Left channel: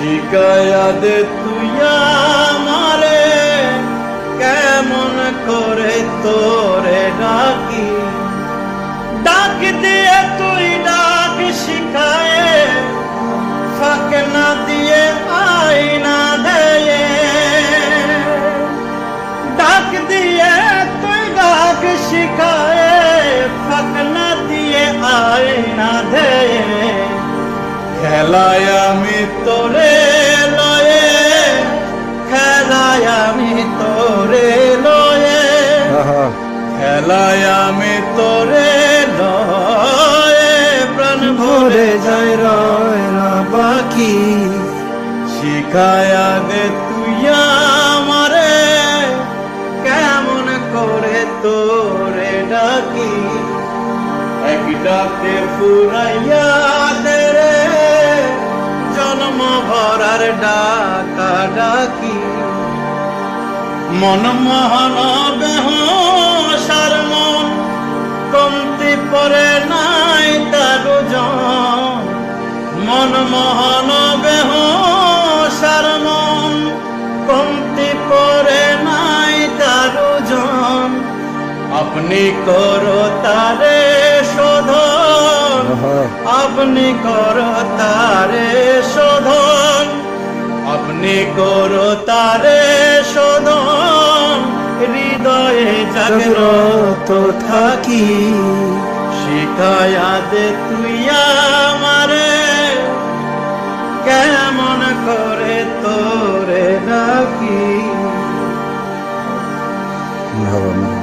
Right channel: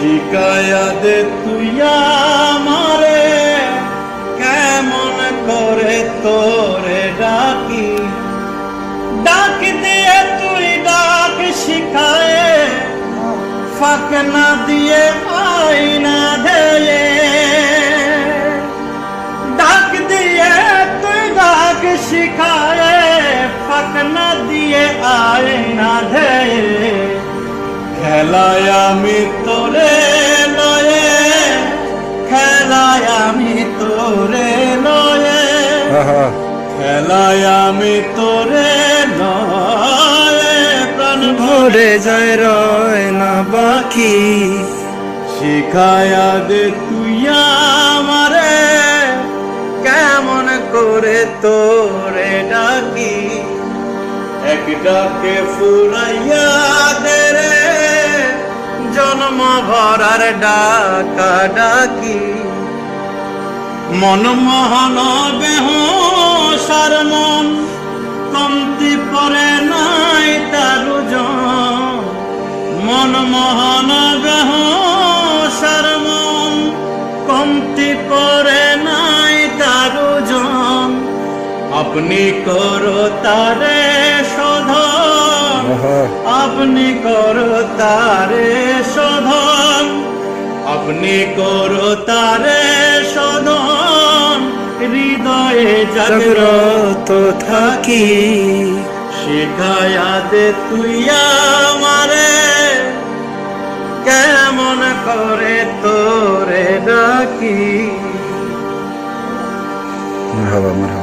শিখায়া দে তুই আমারে কেমন করে তোরে ডাকি, ডাক দিয়ে তুই ডাক শিখায়ে ফাঁক না দিয়ে আয়না দেয়ে, ডাক দিয়ে তুই ডাক শিখায়ে ফাঁক না দিয়ে আয়না দেয়ে, খেলায় আমি তোরে লয়ে, খেলায় আমি তোরে লয়ে, খেলায় আমি তোরে লয়ে, প্রাণ ভরে যায় রয় না বাকি। শিখায়া দে তুই আমারে কেমন করে তোরে ডাকি, এক ডাকে ফুরাইয়া দে রে জন্ম ভরার ডাকা ডাকি। মন মহান বেহসার মন কমতি পরে নাই তার জন, মন মহান বেহসার মন কমতি পরে নাই তার জন, আপনি করো তারে শোধন, আপনি করো তারে শোধন, আপনি করো তারে শোধন, হৃদয়ে জাগ্রত থাকি। শিখায়া দে তুই আমারে কেমন করে তোরে ডাকি। মারহাবা মারহাবা।